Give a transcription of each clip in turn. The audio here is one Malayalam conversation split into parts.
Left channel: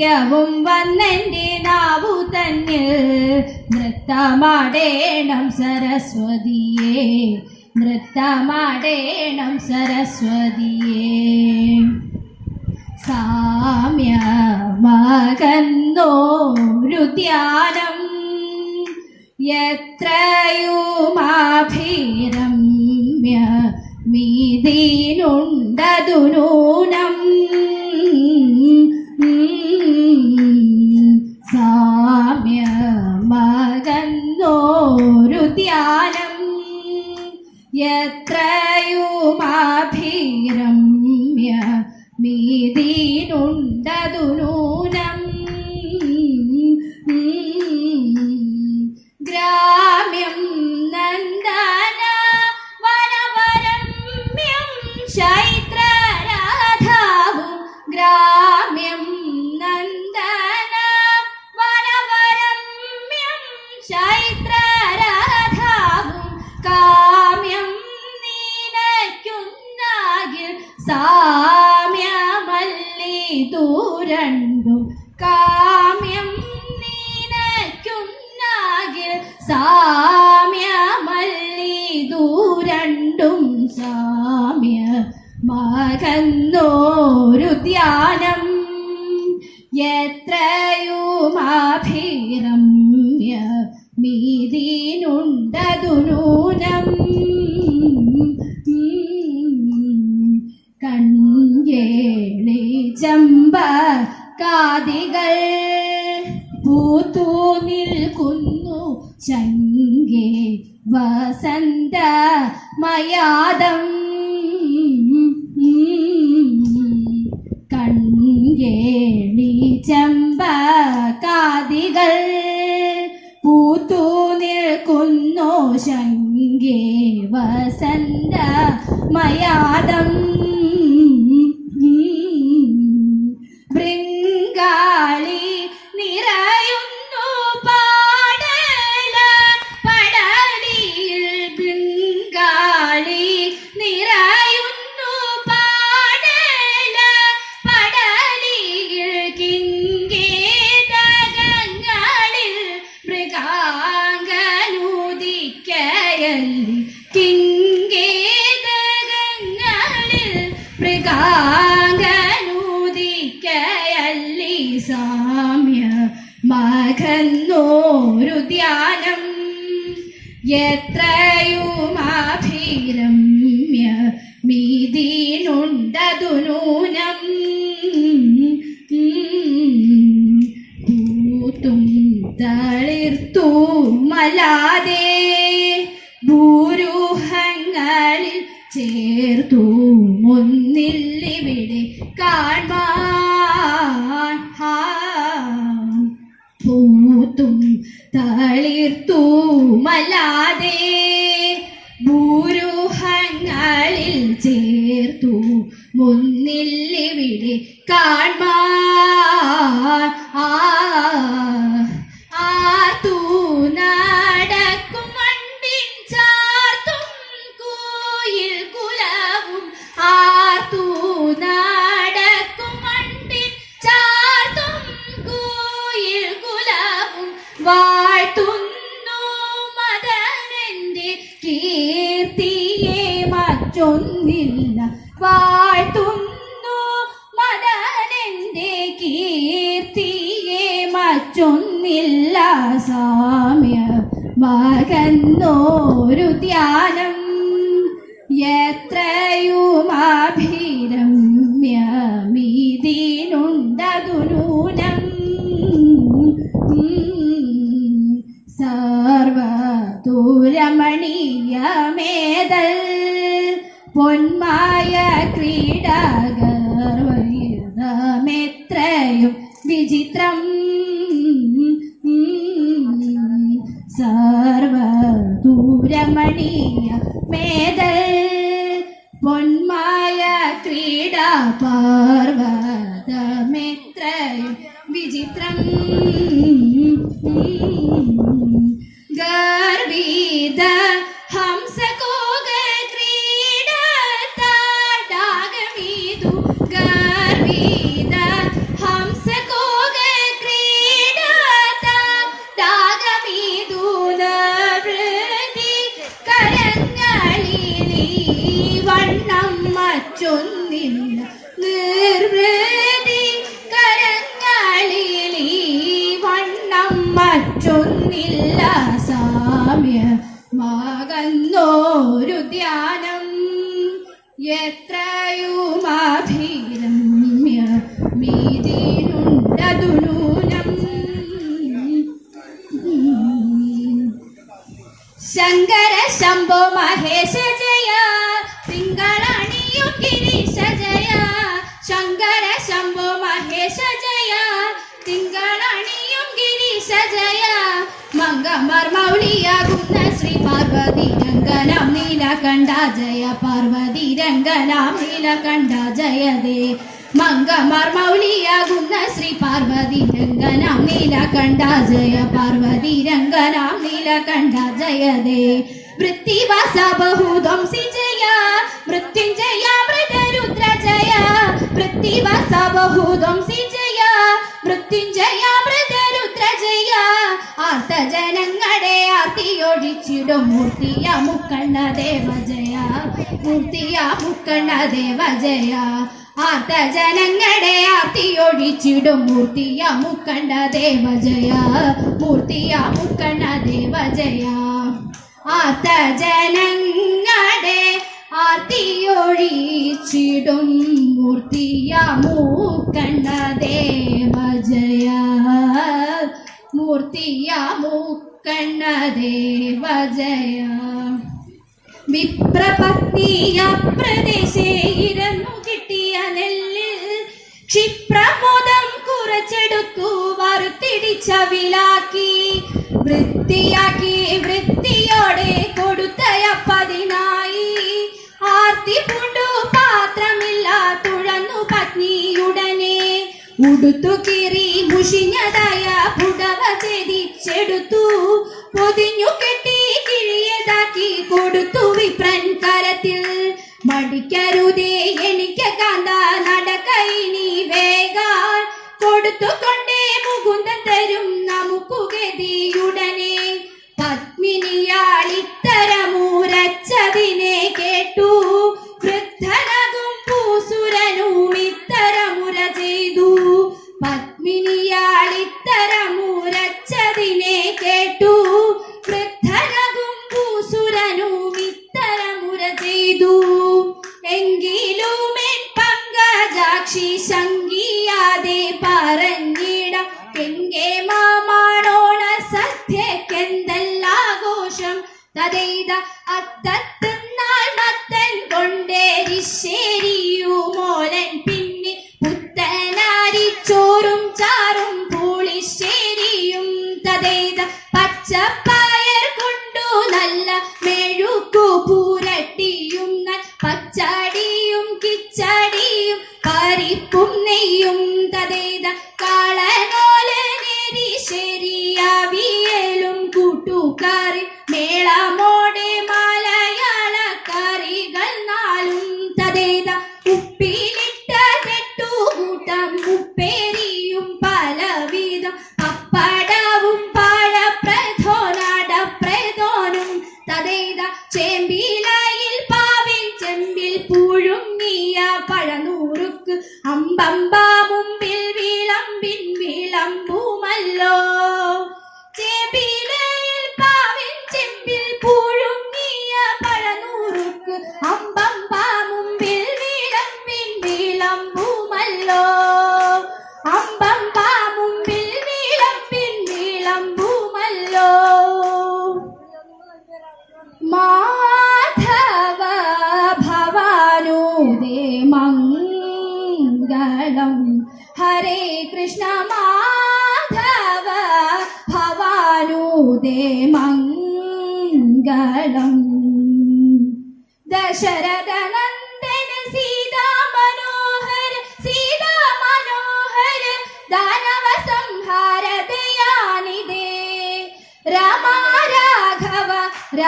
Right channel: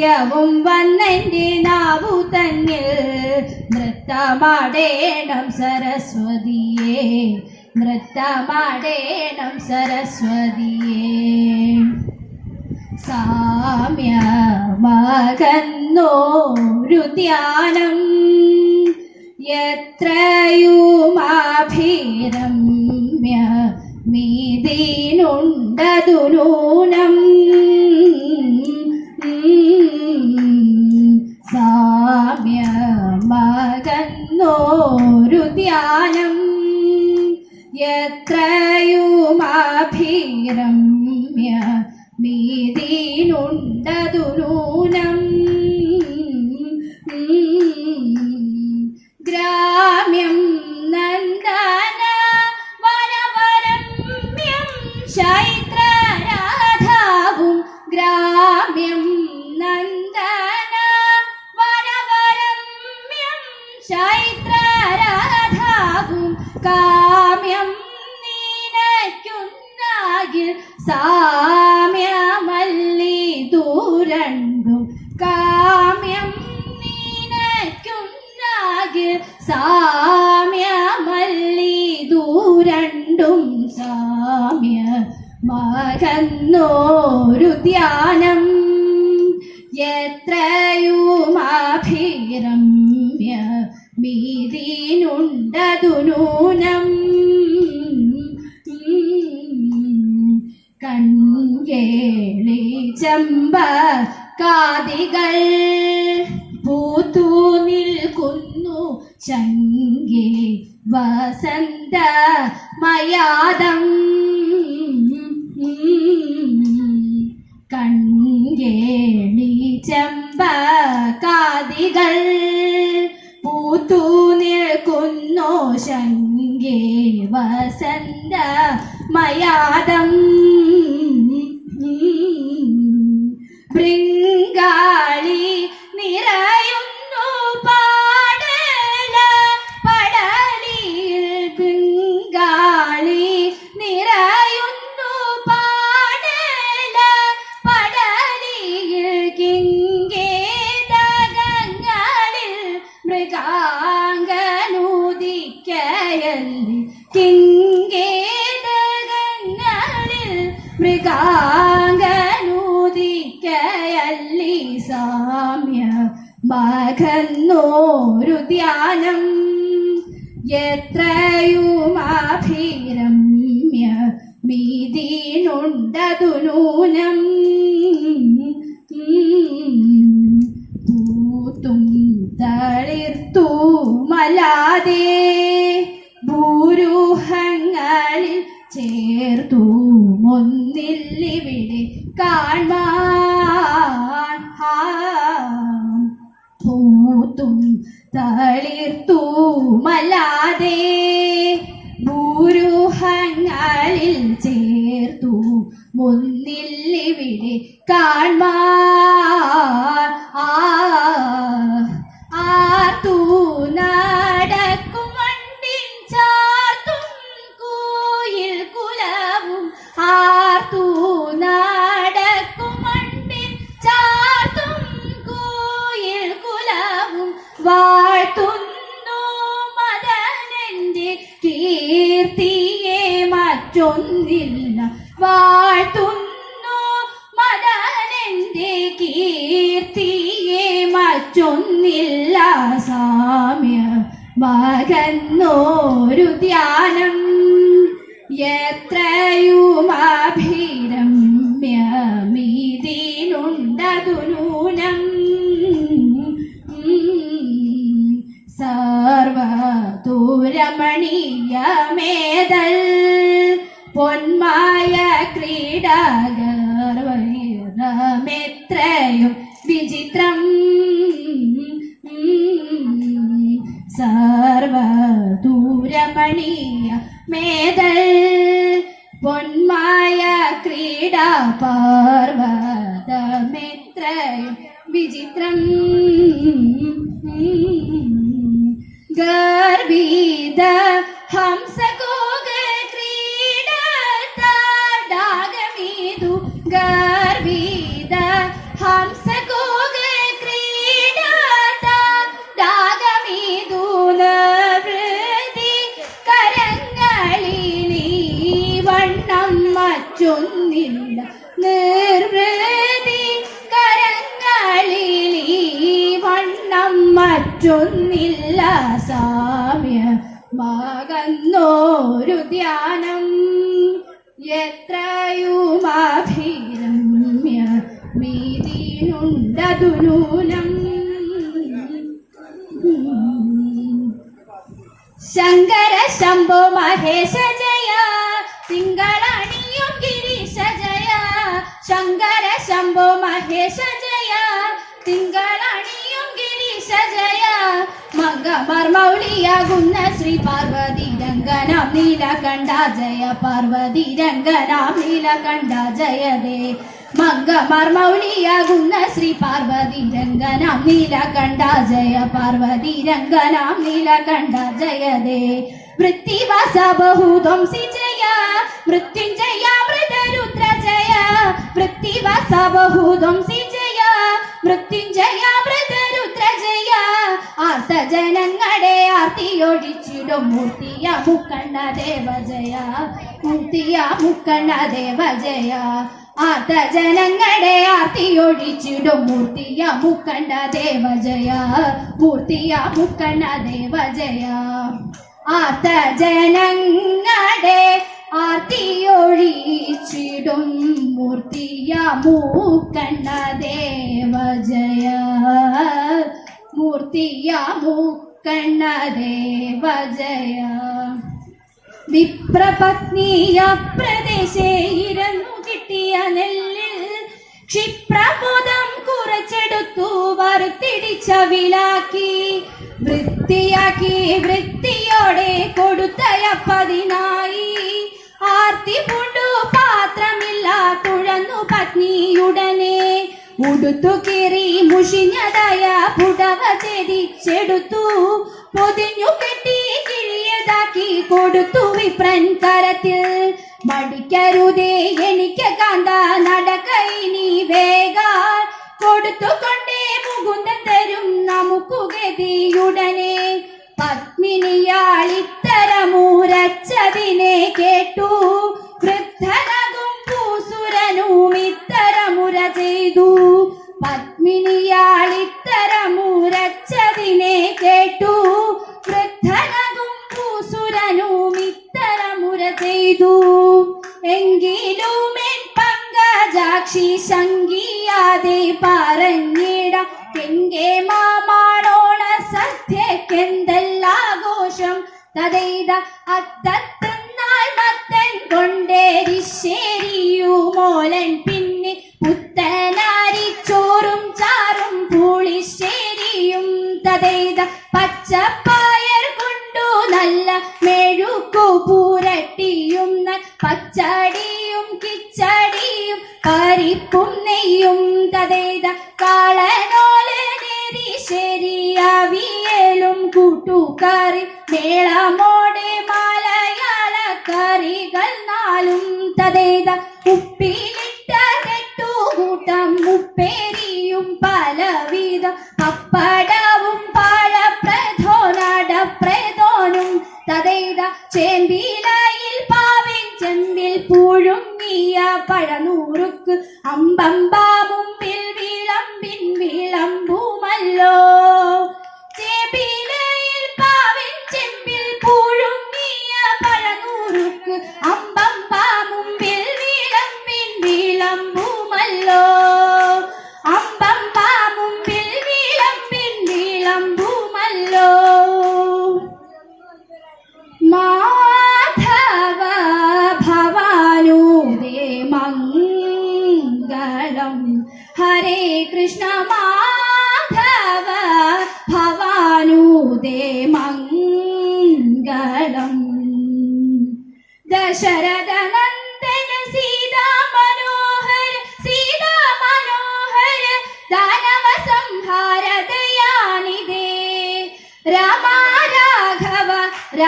നിത്യവും വന്നെന്റെ നാവു തന്നിൽ നൃത്തമാടേണം സരസ്വതിയെ നൃത്തമാടേണം സരസ്വതിയെ. സാമ്യമകന്നോരു ധ്യാനം എത്രയുമാഭിരമ്യ എത്രയുമാഭിരമ്യ മീതീനുണ്ടതുരൂനം മകന്നോരു ധ്യാനം. എത്രയുമാഭിരമ്യ മീതിനുണ്ടതുനൂനം കൺകേളി ചമ്പ കാതികൾ പൂത്തു നിൽക്കുന്നു. ചങ്കേ വസന്ത മയാദം കൺകേളി ചമ്പ കാതികൾ പൂത്തു നിൽക്കുന്നു ശങ്കേ വസന്ത മയാദം എത്രയുമാഭിരമ്യ മീതീനുണ്ടതുനൂനം പൂത്തും തളിർത്തു മലാതെ ഭൂരൂഹങ്ങളിൽ ചേർത്തു ഒന്നില്ലിവിടെ ഹാ. പൂത്തും തളിർത്തു മലാതെ മറ്റൊന്നില്ല വാഴ്ത്തുന്നു മദാനന്റെ കീർത്തിയെ മറ്റൊന്നില്ല സാമ്യ. മകന്നോരു ധ്യാനം എത്രയുമാഭിരമ്യ மணியம் மேதல் ஒன் ജയ തിങ്കളണിയും ഗിരീശ ജയ മംഗമാർ മൗലിയാകുന്ന ശ്രീ പാർവതി രംഗനാം നീലകണ്ഠ ജയ. പാർവതി രംഗനാം നീലകണ്ഠ ജയതേ. മംഗമാർ മൗലിയാകുന്ന ശ്രീ പാർവതി രംഗനാം നീലകണ്ഠ ജയ. പാർവതി രംഗനാം നീലകണ്ഠ ജയതേ. വൃത്തിവാസ ബഹുധ്വംസി ജയ. മൃത്യുഞ്ജയ ആർത്തിയൊഴിച്ചിടും മൂർത്തിയ മുക്കണ്ണ ദേവ ജയ മൂർത്തിയ മുക്കണ്ണ ദേവ ജയ ആർത്ത ജനങ്ങളെ ആർത്തിയൊഴിച്ചിടും മൂർത്തിയ മുക്കണ്ണ ദേവ ജയ മൂർത്തിയ മുക്കണ്ണ ദേവ ജയ ആർത്ത ജനങ്ങളെ ആർത്തിയൊഴിച്ചിടും മൂർത്തിയ മൂക്കണ്ണ ദേവ ജയ മൂർത്തിയ മൂക്കണ്ണ ദേവ ജയ വിപ്രപത്നിയ പ്രദേശേ ഇരന്നു കിട്ടിയ നെല്ലിൽ ക്ഷിപ്രമോദം കുറച്ചെടുത്തു വറുത്തിടിച്ച വിലാക്കി. വൃത്തിയാക്കി വൃത്തിയോടെ കൊടുത്തയ പതിനായി. ആർത്തി പൂണ്ടു പാത്രമില്ല തുഴന്നു പത്നിയുടനെ. ഉടുത്തു കീറി മുഷിഞ്ഞതായ പൊതിഞ്ഞു കെട്ടി കിഴിയതാക്കി കൊടുത്തു വിപ്രൻ കരത്തിൽ. മടിക്കരുതേ എനിക്ക് കാന്ത നടക്കൈനി വേഗ കൊടുത്തുകൊണ്ടേ മുകുന്ദൻ തരും നമുക്കു ഗതിയുടനെ. പത്മിനിയാളിത്തരമൂരച്ചതിനെ മേളമോടെ മലയാള കറികൾ നാലും തതേത. ഉപ്പിലിട്ട കൂട്ടം ഉപ്പേരിയും പലവിധം. പപ്പടവും പഴപ്രധോനടപ്രധോനും തതേത. ചേമ്പിലായിൽ പാവിൻ ചെമ്പിൽ പുഴുങ്ങിയ പഴനൂറുക്ക്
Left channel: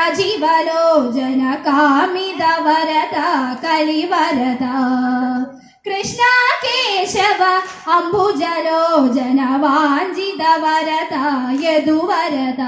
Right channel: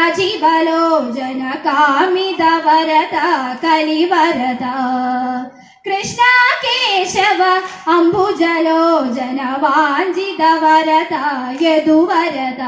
ജീവലോചന കാമിത വരത കലിവരത. കൃഷ്ണ കേശവ അംബുജലോചന വാഞ്ചിത വരത യദുവരത.